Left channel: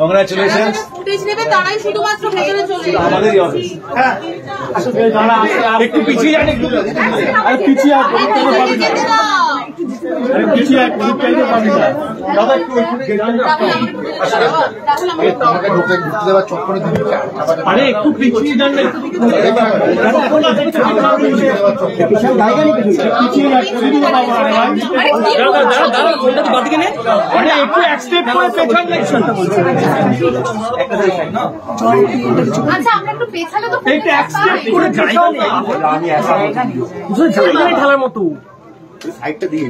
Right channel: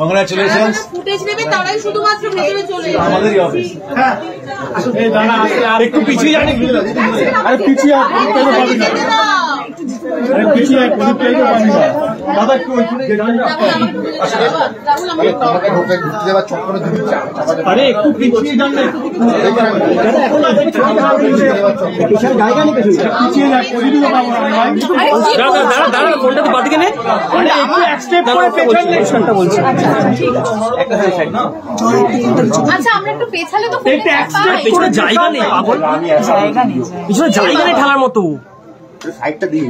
Congratulations. Footage নেবে তারাই শুধুমাত্র ভেতরে চলে যাবে। আমাদেরই অফিস। হ্যাঁ আর একটু পিছিয়ে যান, একটু আরে পিছিয়ে আরে পিছিয়ে পাবি না দাদা, একটু আরে একটু পিছিয়ে যান না, জায়গা নেই পিছিয়ে যান, পজিটিভ পাবো না ভাই। আরে একটু এক স্টেপ করে পেছন দেখছেন। আচ্ছা আমরা একটু পেছালে তো এক স্টেপ করে জায়গা নেই, পিছনে জায়গা নেই ঢালার মতো। সাইডটা দিয়ে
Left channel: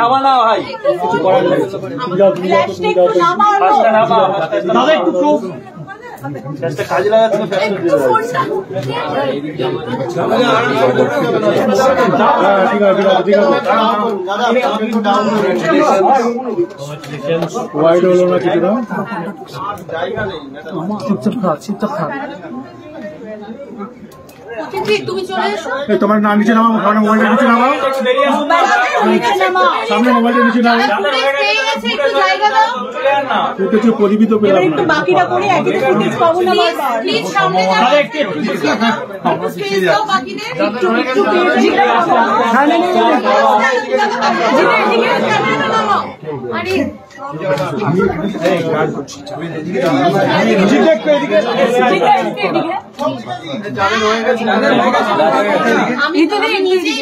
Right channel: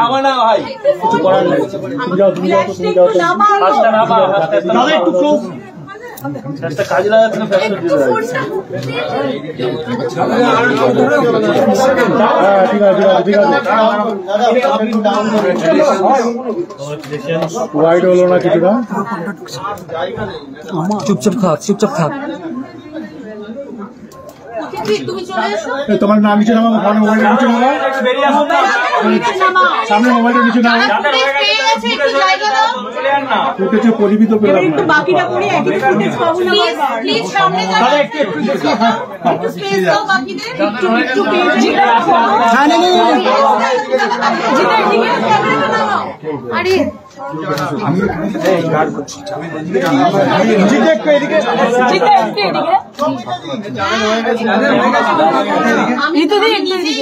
নামা না ভাই, কিছু করার নেই। দাদা একটু খুব কাজে লাগাচ্ছে না, ওয়াইড হলো না কিছুটা। চুপচাপ খাক, চুপচাপ খাক। তোমার নাম নিচে নামা, মোবাইলটা নিচে নামা, সামনে মোবাইলটা নিচে নামা। পরিমিত পেলাম না, বাকিটা করে আমি তো নিজেই